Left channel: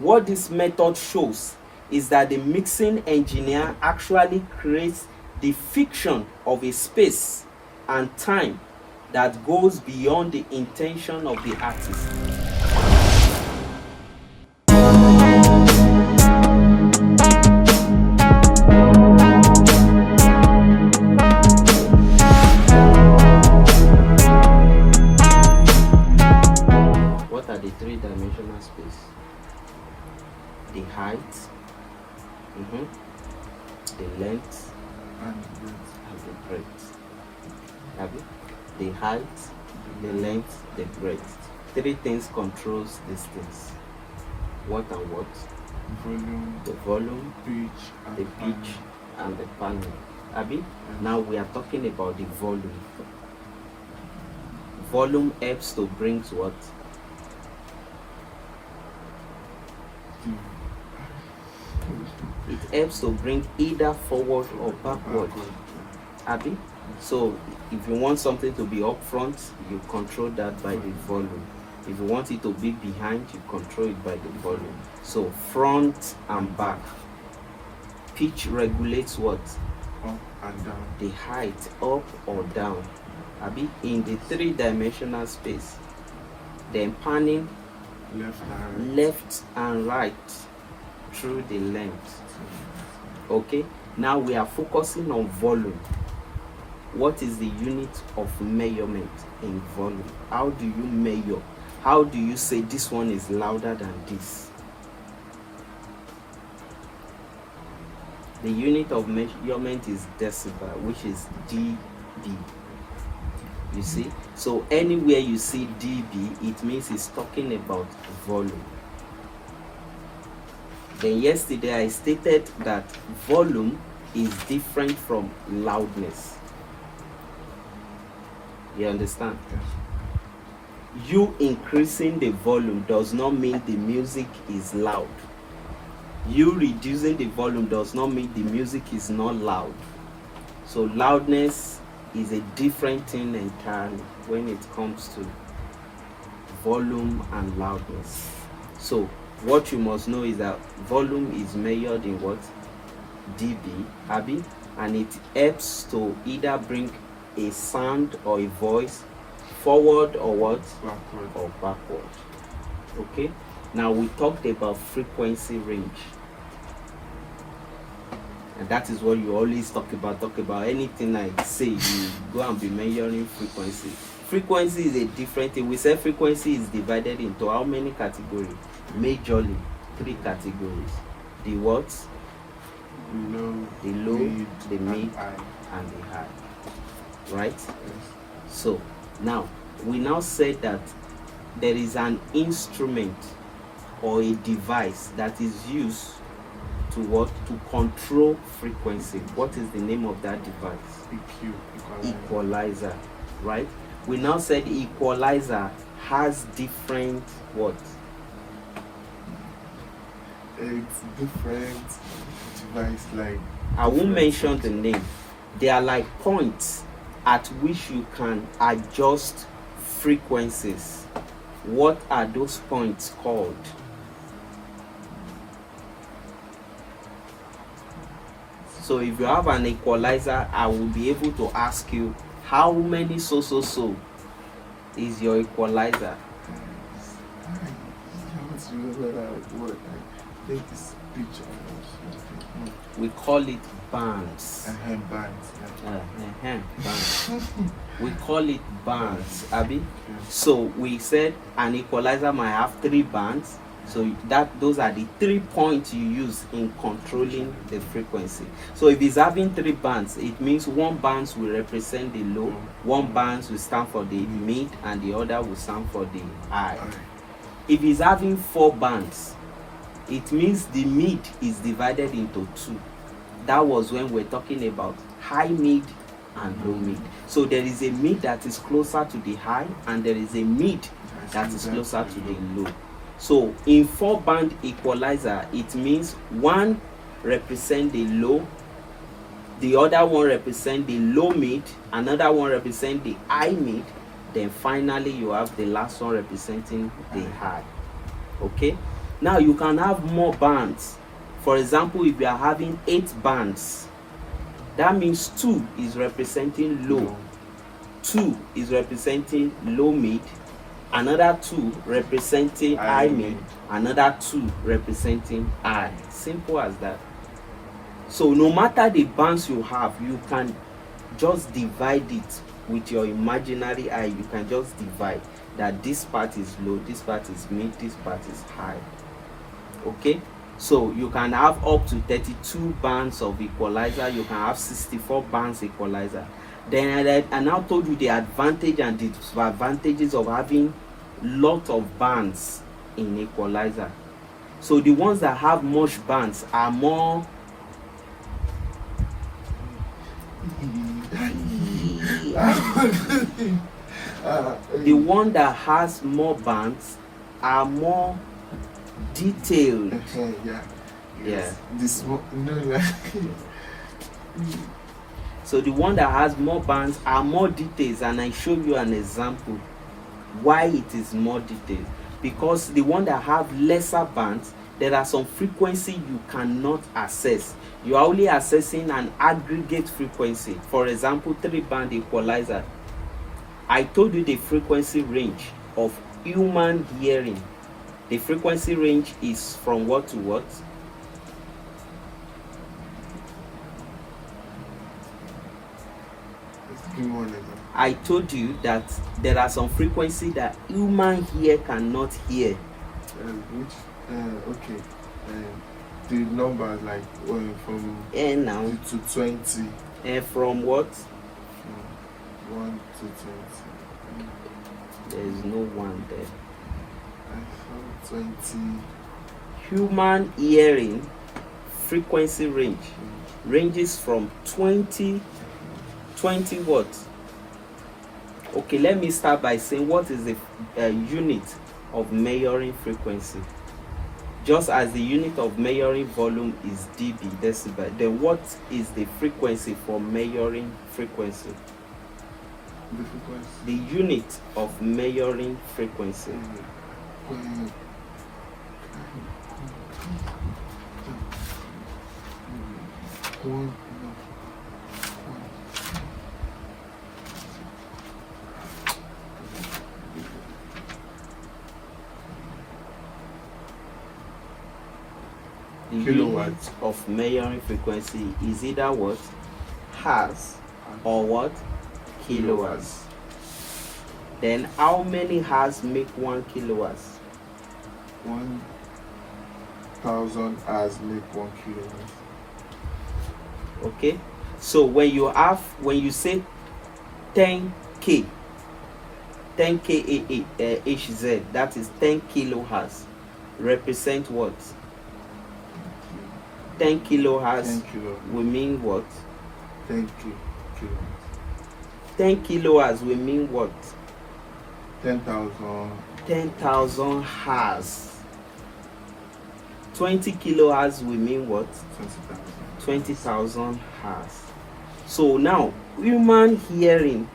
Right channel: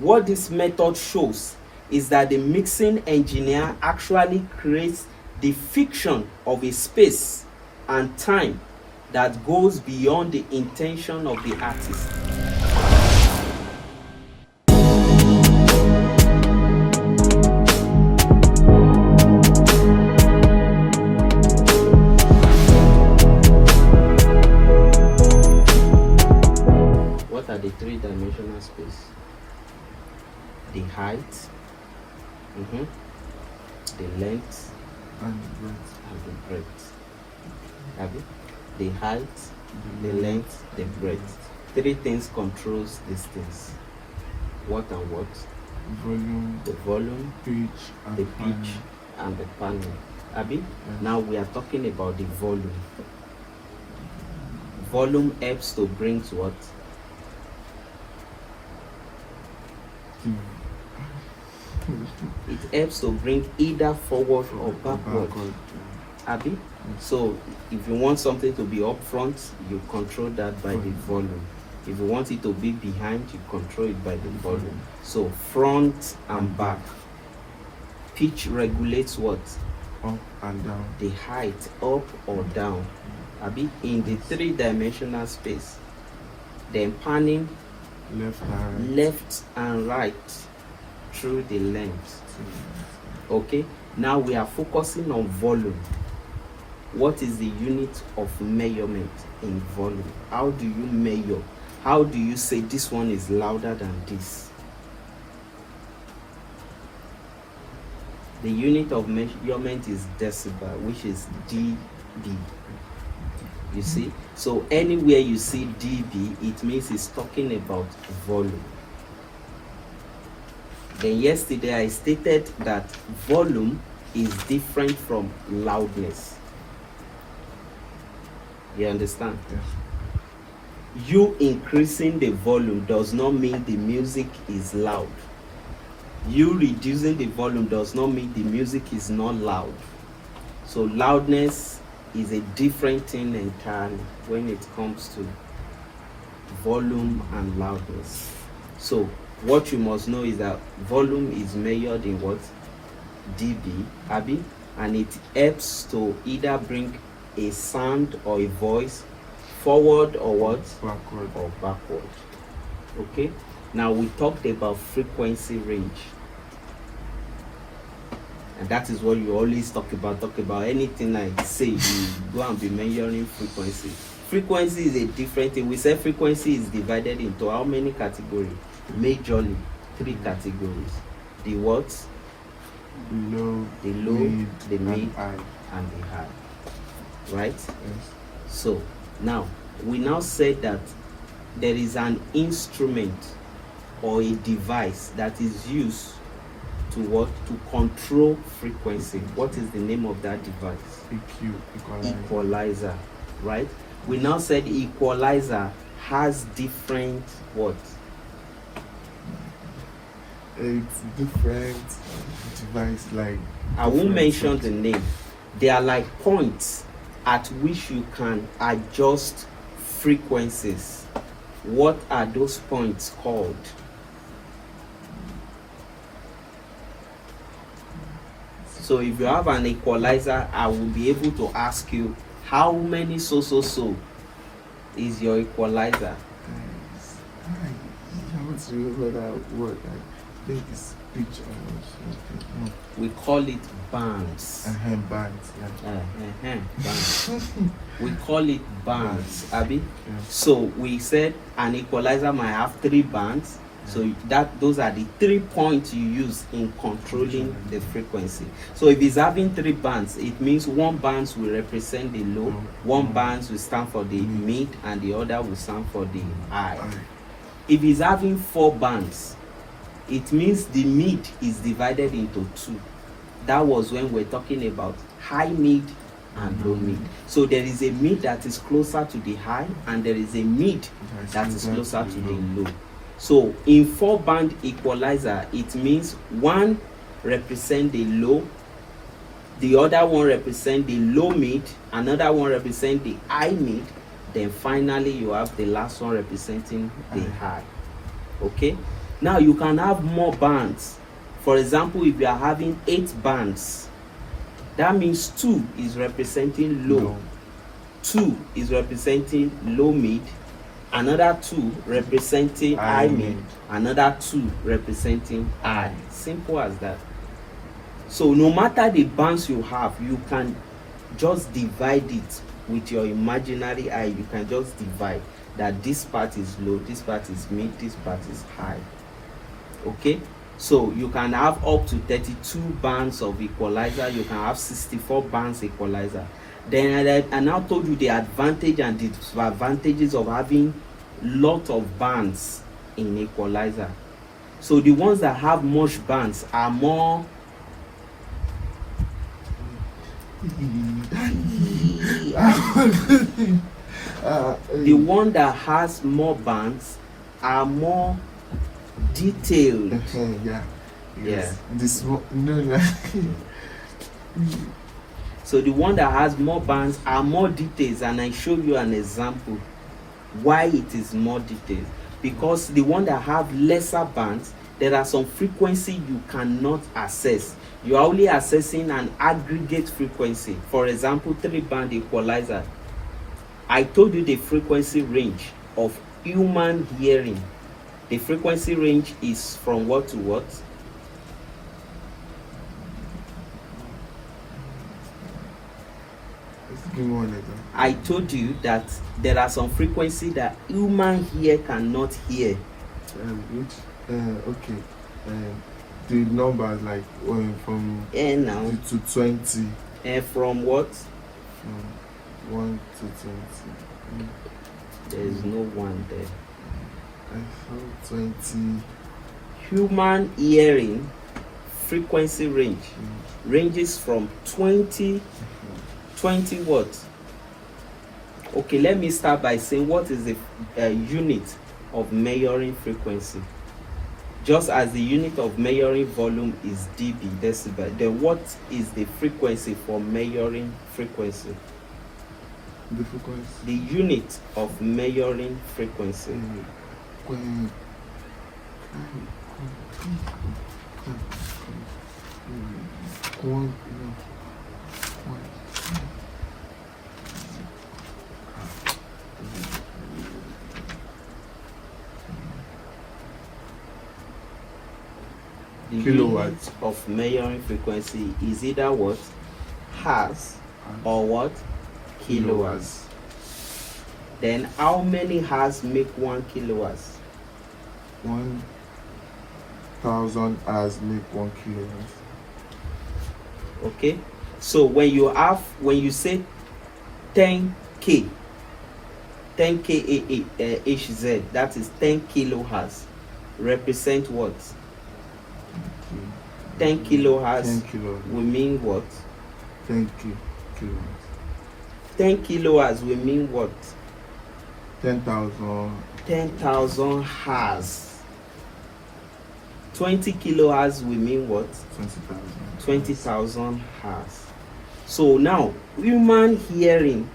what this method shows is that the mixing engineer actually creates the fiction of a space and time that goes beyond the intention of the artist. What are the three-dimensional space? The height, the length, and the breadth. The height, the length, the breadth. Three things controls these things. What and what? Volume, the volume, pitch, and the pitch, and the panning. Abi? Yes. Now we are talking about the volume. Volume helps to bring to what? It helps to bring either forward or backward. Abi? So if you want something to be up front, you control that by the volume. If you want it to be behind, you control it by the volume. So front and back. Pitch regulates what? Up and down. The height, up or down. Abi? In the three-dimensional space. Then panning left and right through the length. Okay? Now we are focusing on volume. What is the unit of measurement in volume? How do you measure? How do you say this one is louder than this? The unit of measurement is decibel, which is dB. You see? So anywhere you see dB, it means it's talking about volume. Then yesterday I stated that volume is different from loudness. You understand? Yes. You increasing the volume does not mean the music is loud. You reducing the volume does not mean the music is not loud. So loudness is a different thing entirely when it comes to volume and loudness. So what you must know is that volume is measured in what? dB, Abi, and it helps to either bring a sound or a voice forward or what? Backward. Or backward. Okay? Now we talked about frequency range. And that is what you always talk about anything I say, you go and be measuring frequency. Frequency is a different thing. We say frequency is divided into how many categories? Majorly 3 categories. The what? The low, the mid, and the high. Right? Yes. So now we now said that there is an instrument or a device that is used to what? To control frequency. What is the name of that device? EQ, equalizer. Right? We now said equalizer has different what? It's different device, like I won't mention the name. They are like points at which you can adjust frequencies. What are those points called? So if you have an equalizer, I will be able to ask you how many so is your equalizer? We call it bands. Bands. We call it bands, Abi. Yes. So we said an equalizer might have 3 bands. So those are the 3 points you use in controlling the frequency. So if it's having 3 bands, it means 1 band will represent the low, 1 band will stand for the mid, and the other will stand for the high. If it's having 4 bands, it means the mid is divided into 2. That was when we're talking about high mid and low mid. So there is a mid that is closer to the high, and there is a mid that is closer to the low. So in 4-band equalizer, it means 1 represents the low, the other one represents the low mid, another one represents the high mid, then finally you have the last one representing the high. Okay? Now you can have more bands. For example, if you are having 8 bands, that means 2 is representing low, 2 is representing low mid, another 2 representing high mid, another 2 representing high. Simple as that. So no matter the bands you have, you can just divide it with your imaginary eye. You can just divide that this part is low, this part is mid, this part is high. Okay, so you can have up to 32 bands of equalizer, you can have 64 bands equalizer. Then I now told you the advantage and disadvantages of having lot of bands in equalizer. So the ones that have much bands are more the one that has more bands are more detailed. Yeah. Yeah. This no. So the one that has more bands are more details, and I show you an example why it is more detailed. Because the one that have lesser bands, there are some frequency you cannot access. You are only accessing an aggregate frequency. For example, 3-band equalizer. I told you the frequency range of human hearing. The frequency range is from what to what? I told you that there are some frequency that human ear cannot hear. Okay. The numbers like from now to 20. From what? 1 to 20. There is no 1 there. From 20. Human hearing frequency range ranges from 20 what? Okay, let me start by saying what is the unit of measuring frequency. Just as the unit of measuring volume is dB, decibel, then what is the frequency for measuring frequency? The frequency. The unit of measuring frequency. The unit of measuring frequency is either what? Hertz or what? Kilohertz. Then how many hertz make 1 kilohertz? 1,000 hertz make 1 kilohertz. Okay, so when you say 10k HZ, that is 10 kilohertz, represent what? 10 kilohertz will mean what? 10 kilohertz. 10 kilohertz will mean what? 10,000. 10,000 hertz. 20 kilohertz will mean what? 20,000. 20,000 hertz. So now human hearing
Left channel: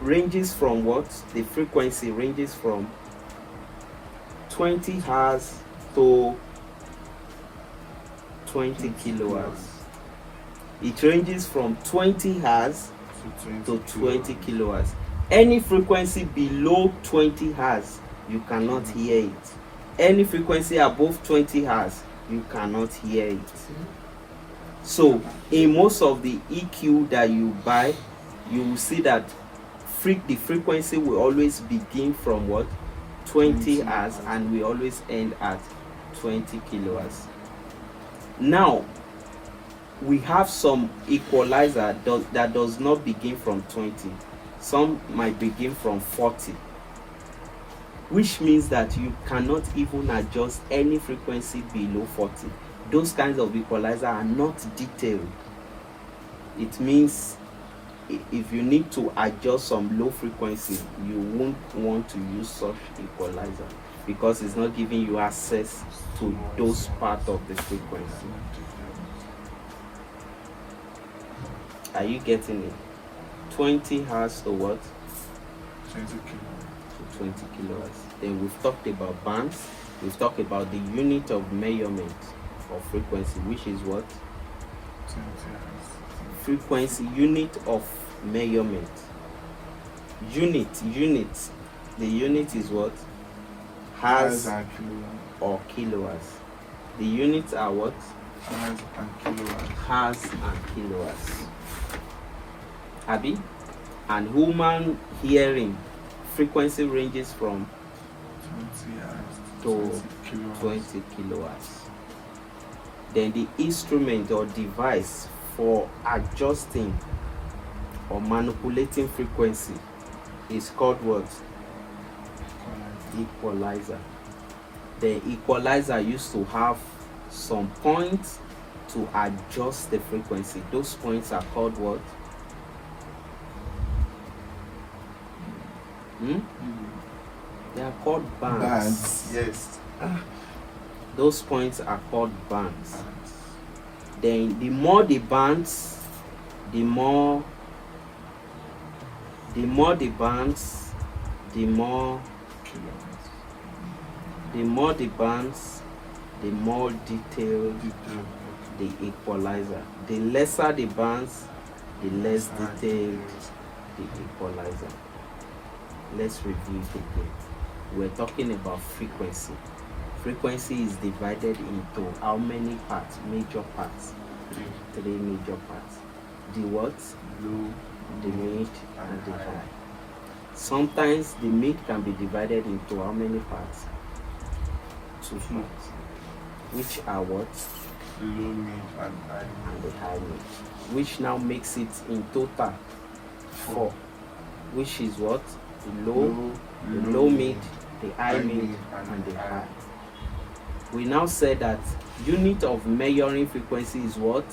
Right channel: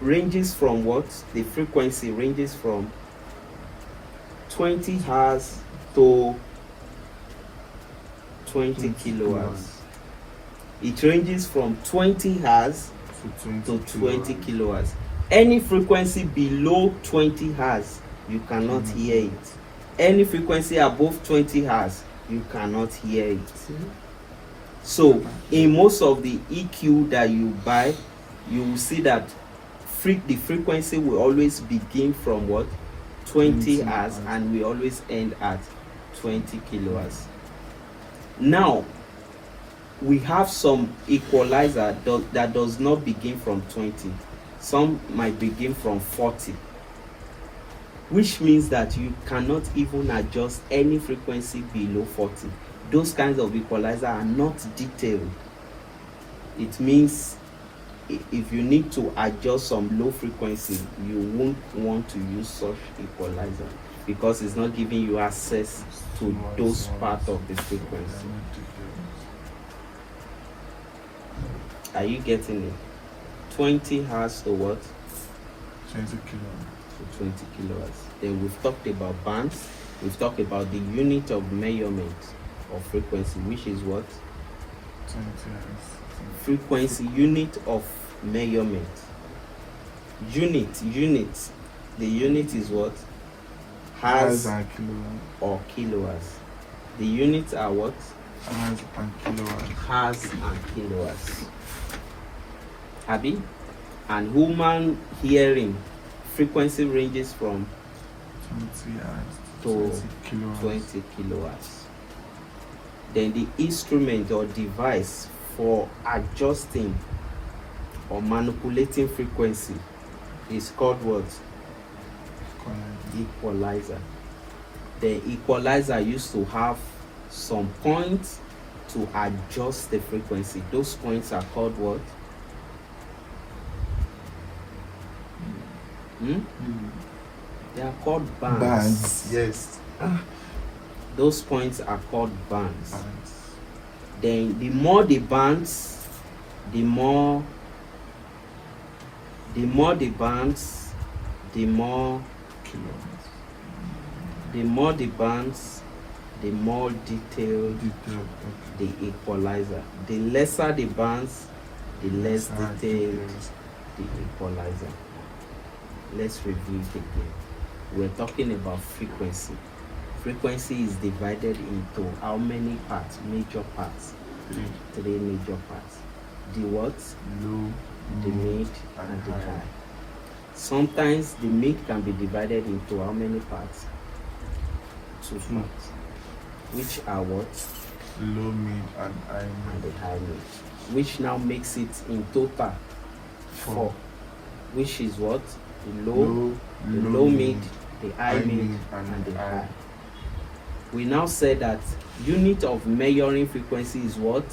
ranges from what? The frequency ranges from 20 hertz to 20 kilohertz. It ranges from 20 hertz to 20 kilohertz. Any frequency below 20 hertz, you cannot hear it. Any frequency above 20 hertz, you cannot hear it. So in most of the EQ that you buy, you will see that the frequency will always begin from what? 20 hertz, and we always end at 20 kilohertz. Now we have some equalizer that does not begin from 20. Some might begin from 40, which means that you cannot even adjust any frequency below 40. Those kinds of equalizer are not detailed. It means if you need to adjust some low frequency, you won't want to use such equalizer because it's not giving you access to those parts of the frequency. Are you getting it? 20 hertz to what? 20 kilohertz. To 20 kilohertz. Then we've talked about bands. We've talked about the unit of measurement of frequency, which is what? 20 hertz. Frequency, unit of measurement. Unit. The unit is what? Hertz Hertz and kilowatt. or kilowatts. The units are what? Hertz and kilowatt. Hertz and kilowatts. Abi? And human hearing frequency ranges from 20 hertz to 20 kilowatts. 20 kilowatts. Then the instrument or device for adjusting or manipulating frequency is called what? Equalizer. The equalizer used to have some points to adjust the frequency. Those points are called what? They are called bands. Yes. Those points are called bands. Then the more the bands, the more the bands, the more Kilowatts. the bands, the more detailed Okay. the equalizer. The lesser the bands, the less detailed the equalizer. Let's review it again. We're talking about frequency. Frequency is divided into how many parts? Major parts. Three major parts. The what? Low, The mid and the high. Sometimes the mid can be divided into how many parts? Two parts. Which are what? low, mid, and high. And the high mid. Which now makes it in total 4. Which is what? The low mid, the high mid, and the high. We now say that unit of measuring frequency is what?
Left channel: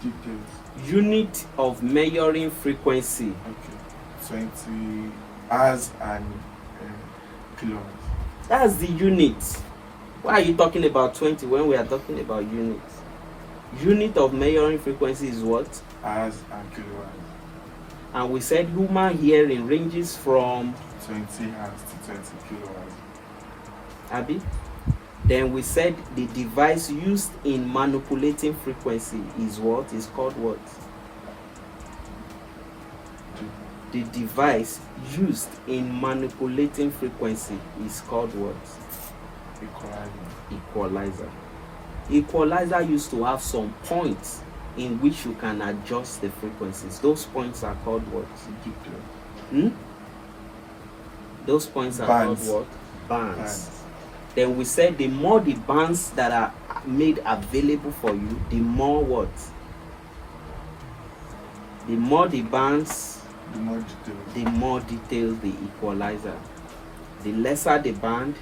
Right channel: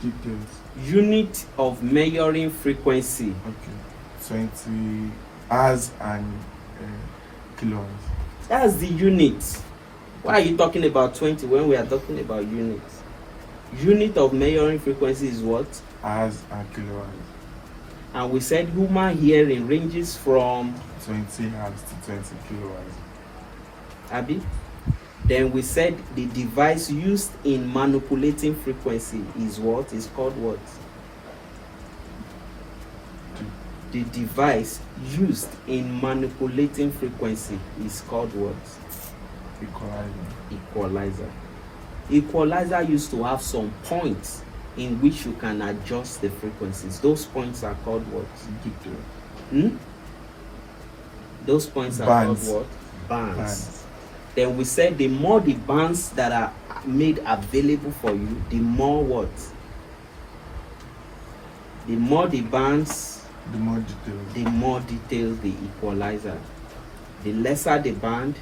Details. Unit of measuring frequency. Okay. 20 hertz and kilowatts. That's the unit. Why are you talking about 20 when we are talking about units? Unit of measuring frequency is what? Hertz and kilowatts. And we said human hearing ranges from 20 hertz to 20 kilowatts. Abi. Then we said the device used in manipulating frequency is what? Is called what? The device used in manipulating frequency is called what? Equalizer. Equalizer used to have some points in which you can adjust the frequencies. Those points are called what? Those points are Bands. called what? Bands. Then we said the more the bands that are made available for you, the more what? The more the bands, The more details. the more detailed the equalizer. The lesser the band,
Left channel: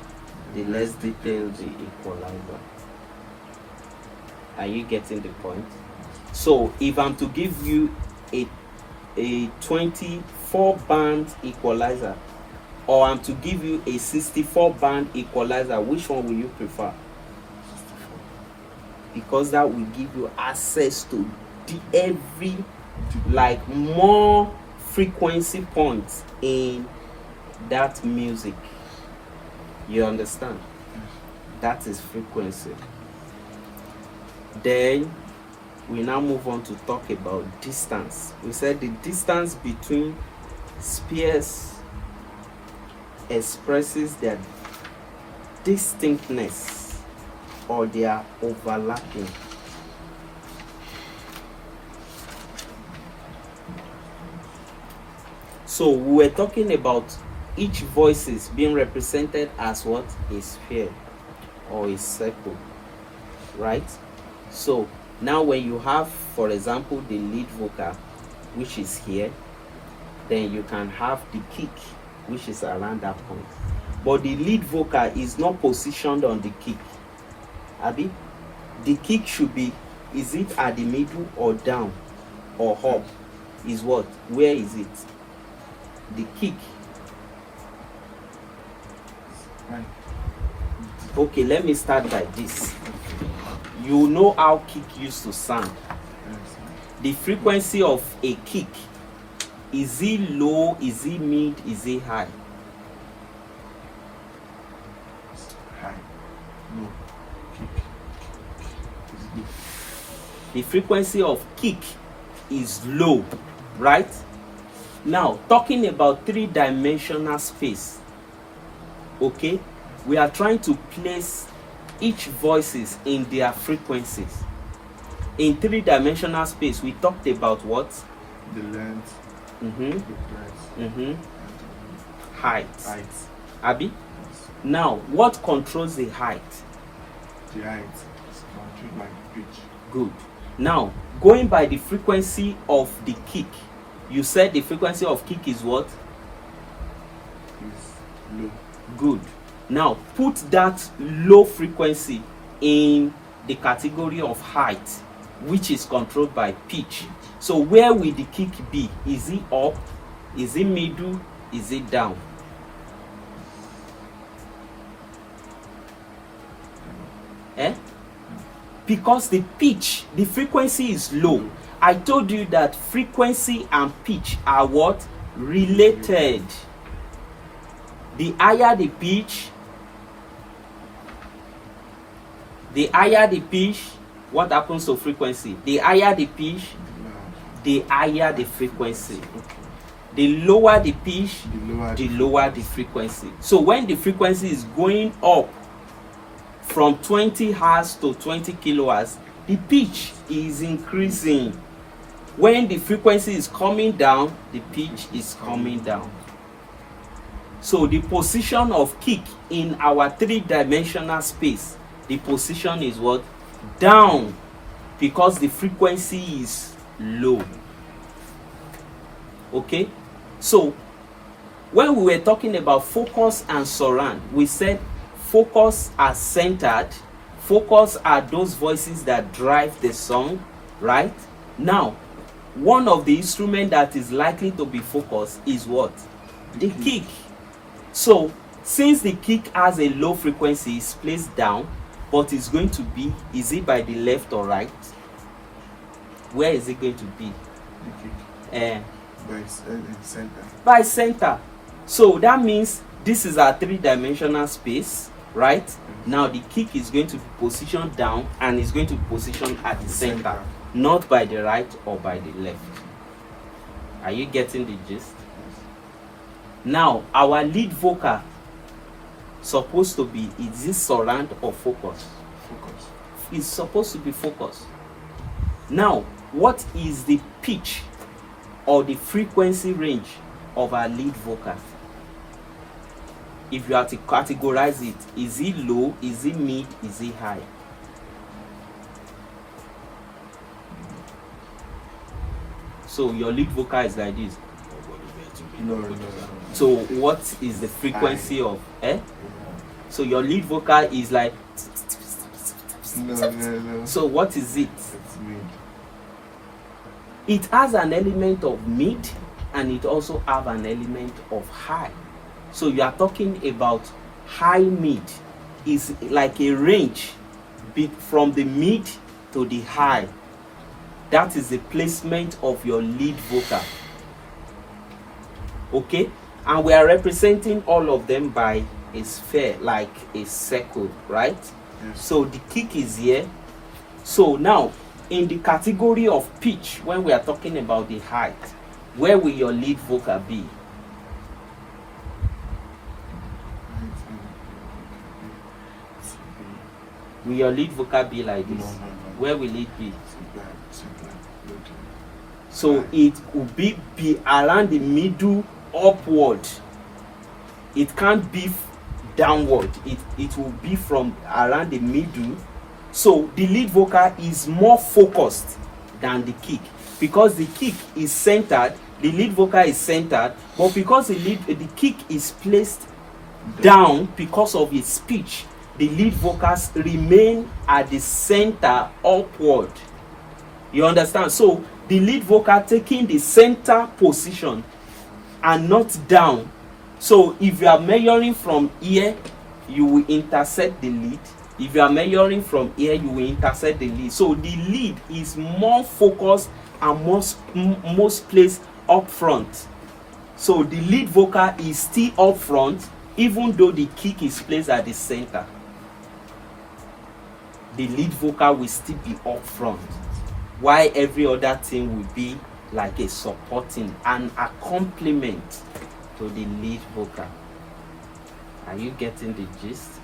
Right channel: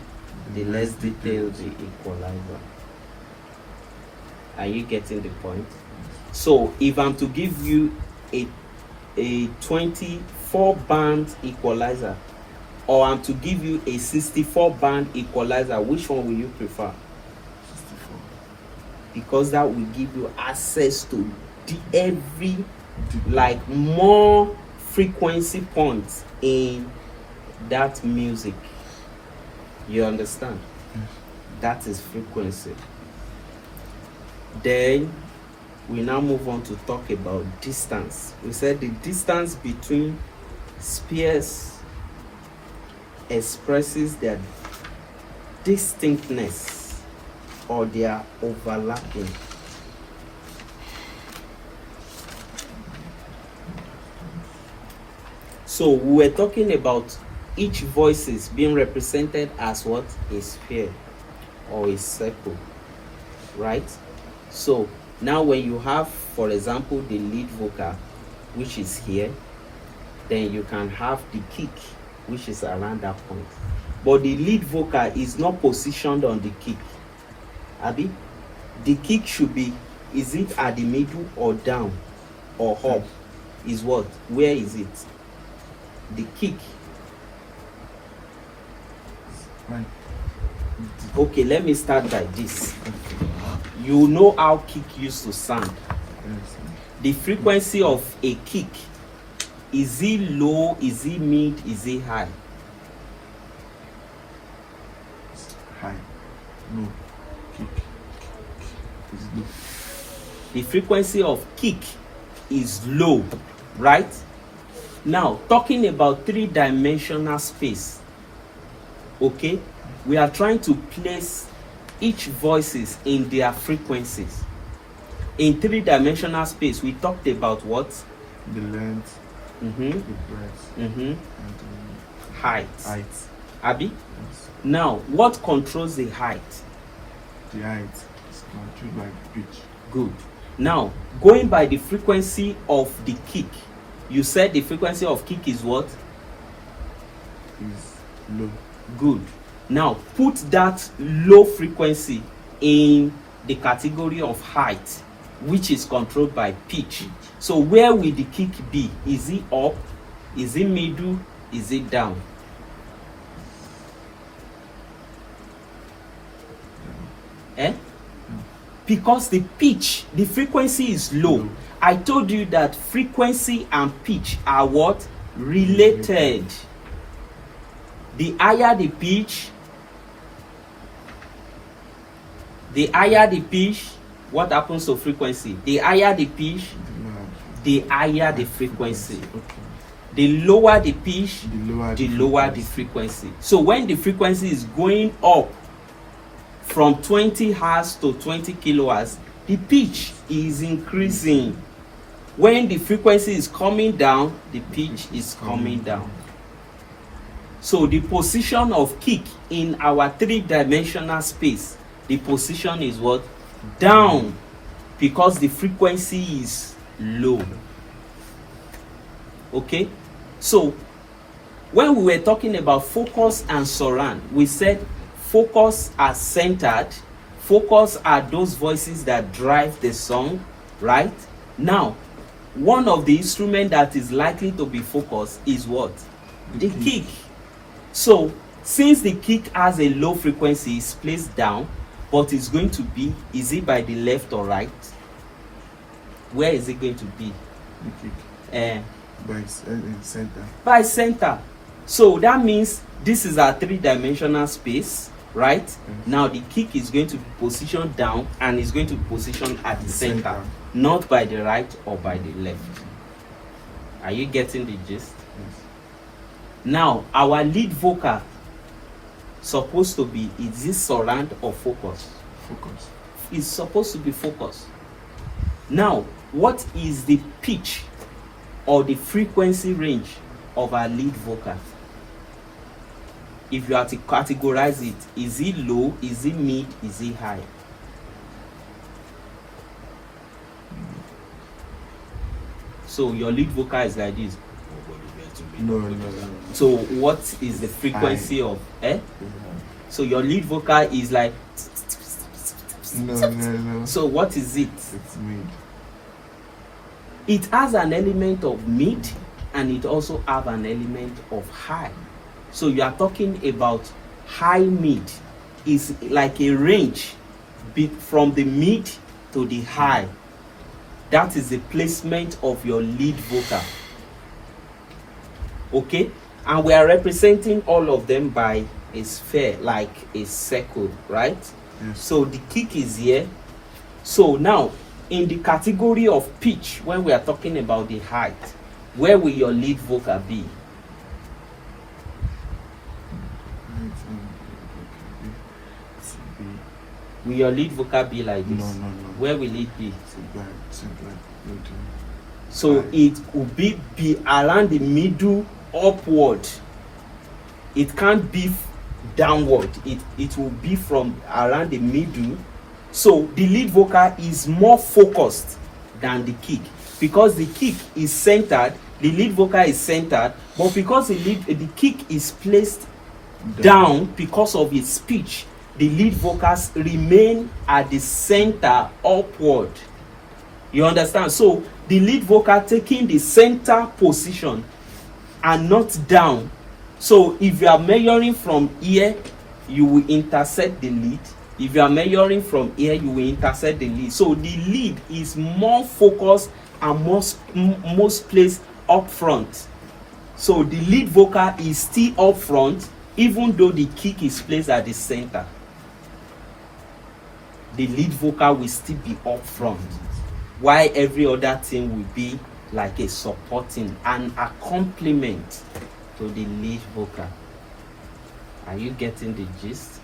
the less detailed the equalizer. Are you getting the point? So if I'm to give you a 24 band equalizer, or I'm to give you a 64 band equalizer, which one will you prefer? 64. Because that will give you access to every, like, more frequency points in that music. You understand? That is frequency. Then we now move on to talk about distance. We said the distance between spheres expresses their distinctness or their overlapping. So we were talking about each voices being represented as what? A sphere or a circle, right? So now when you have, for example, the lead vocal, which is here, then you can have the kick, which is around that point. But the lead vocal is not positioned on the kick. Abi, the kick should be, is it at the middle or down or up? Is what? Where is it? The kick. Right. Okay, let me start by this. You know how kick used to sound. Yes. The frequency of a kick Is it low? Is it mid? Is it high? High. No. Kick. It's low. The frequency of kick is low, right? Now, talking about three-dimensional space, okay? We are trying to place each voices in their frequencies. In three-dimensional space, we talked about what? The length, the breadth, and Height. the height. Abi? Yes. Now, what controls the height? The height is controlled by pitch. Good. Now, going by the frequency of the kick, you said the frequency of kick is what? Is low. Good. Now, put that low frequency in the category of height, which is controlled by pitch. So where will the kick be? Is it up? Is it middle? Is it down? Eh? Because the pitch, the frequency is low. I told you that frequency and pitch are what? Related. The higher the pitch, what happens to frequency? The higher the pitch, the higher the frequency. Okay. The lower the pitch, The the lower the frequency. So when the frequency is going up from 20 Hz to 20 kHz, the pitch is increasing. When the frequency is coming down, the pitch is coming down. So the position of kick in our three-dimensional space, the position is what? Down, because the frequency is low. Okay? So when we were talking about focus and surround, we said focus are centered. Focus are those voices that drive the song, right? Now, one of the instruments that is likely to be focused is what? The kick. So, since the kick has a low frequency, it's placed down, but it's going to be, is it by the left or right? Where is it going to be? By center. By center. So that means this is our three-dimensional space, right? Yes. Now the kick is going to be positioned down and is going to be positioned at the center, not by the right or by the left. Are you getting the gist? Yes. Now our lead vocal supposed to be, is this surround or focus? Focus. It's supposed to be focus. Now, what is the pitch or the frequency range of our lead vocal? If you have to categorize it, is it low, is it mid, is it high? So your lead vocal is like this. No. So what is the frequency of So your lead vocal is like No. so what is it? It's mid. It has an element of mid and it also have an element of high. So you are talking about high mid is like a range from the mid to the high. That is the placement of your lead vocal. Okay? And we are representing all of them by a sphere, like a circle, right? Yes. So the kick is here. So now, in the category of pitch, when we are talking about the height, where will your lead vocal be? Will your lead vocal be like this? No. Where will it be? Good. So it could be around the middle, upward. It can't be downward. It will be from around the middle. So the lead vocal is more focused than the kick, because the kick is centered, the lead vocal is centered, but because the kick is placed down because of its pitch, the lead vocals remain at the center upward. You understand? So the lead vocal taking the center position and not down. So if you are measuring from here, you will intersect the lead. If you are measuring from here, you will intersect the lead. So the lead is more focused and most placed up front. So the lead vocal is still up front, even though the kick is placed at the center. The lead vocal will still be up front, while every other thing will be like a supporting and a complement to the lead vocal. Are you getting the gist?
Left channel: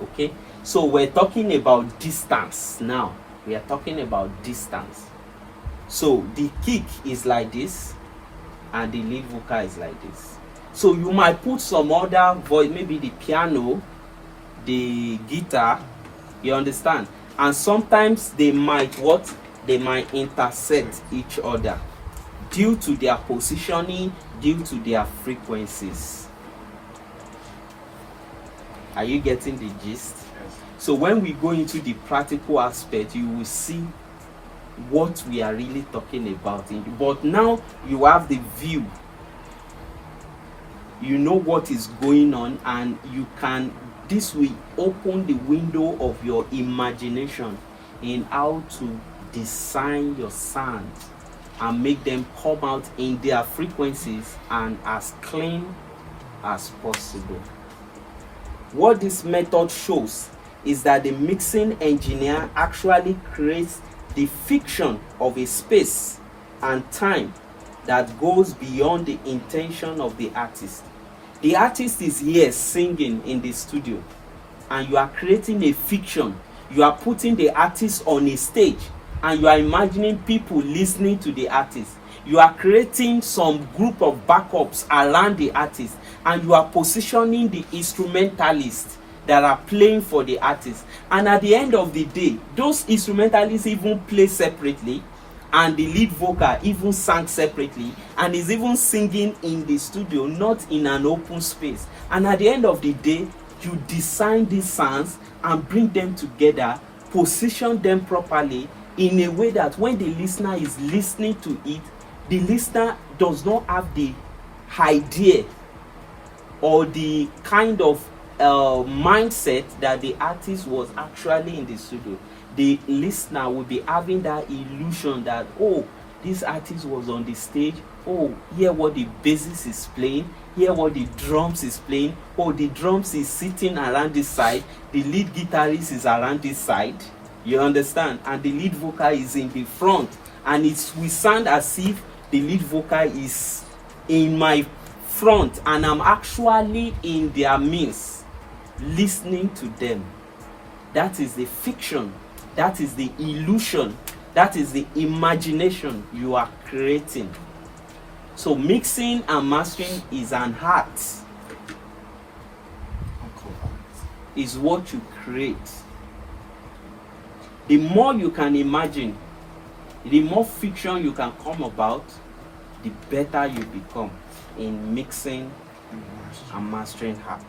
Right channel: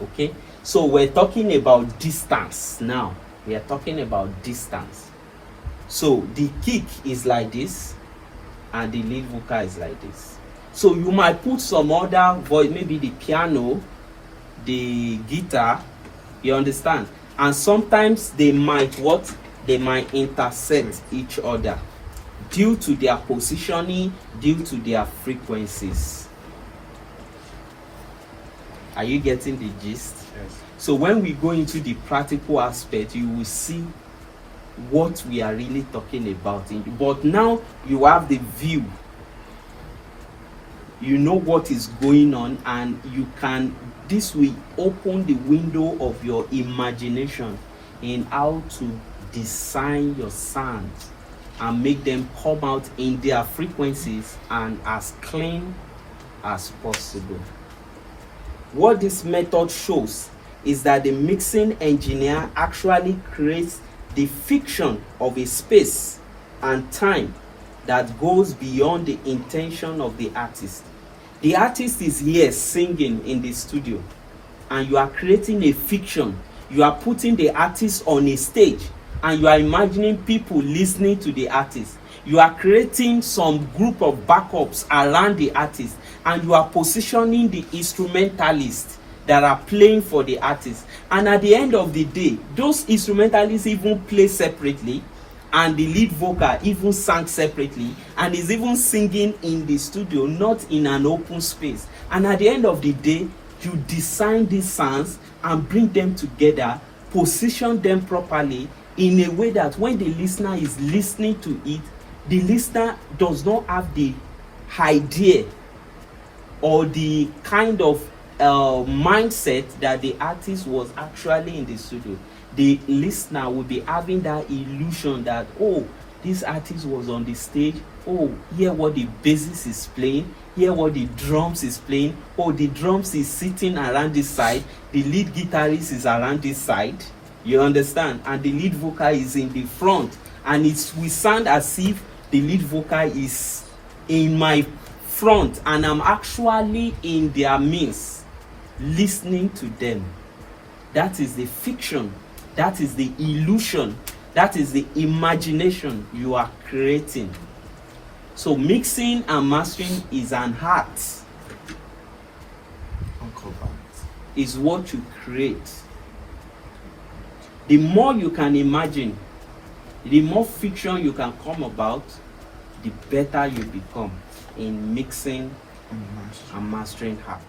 Okay, so we're talking about distance now. We are talking about distance. So the kick is like this and the lead vocal is like this. So you might put some other voice, maybe the piano, the guitar, you understand? And sometimes they might what? They might intersect each other due to their positioning, due to their frequencies. Are you getting the gist? Yes. So when we go into the practical aspect, you will see what we are really talking about. But now you have the view. You know what is going on, and you can, this will open the window of your imagination in how to design your sound and make them come out in their frequencies and as clean as possible. What this method shows is that the mixing engineer actually creates the fiction of a space and time that goes beyond the intention of the artist. The artist is here singing in the studio, and you are creating a fiction. You are putting the artist on a stage, and you are imagining people listening to the artist. You are creating some group of backups around the artist, and you are positioning the instrumentalists that are playing for the artist. And at the end of the day, those instrumentalists even play separately, and the lead vocal even sang separately, and is even singing in the studio, not in an open space. And at the end of the day, you design these sounds and bring them together, position them properly in a way that when the listener is listening to it, the listener does not have the idea or the kind of mindset that the artist was actually in the studio. The listener will be having that illusion that, oh, this artist was on the stage. Oh, hear what the bassist is playing. Hear what the drums is playing. Oh, the drums is sitting around this side. The lead guitarist is around this side. You understand? And the lead vocal is in the front. And it will sound as if the lead vocal is in my front and I'm actually in their midst, listening to them. That is the fiction. That is the illusion. That is the imagination you are creating. So mixing and mastering is an art. Is what you create. The more you can imagine, the more fiction you can come about, the better you become in mixing and mastering art.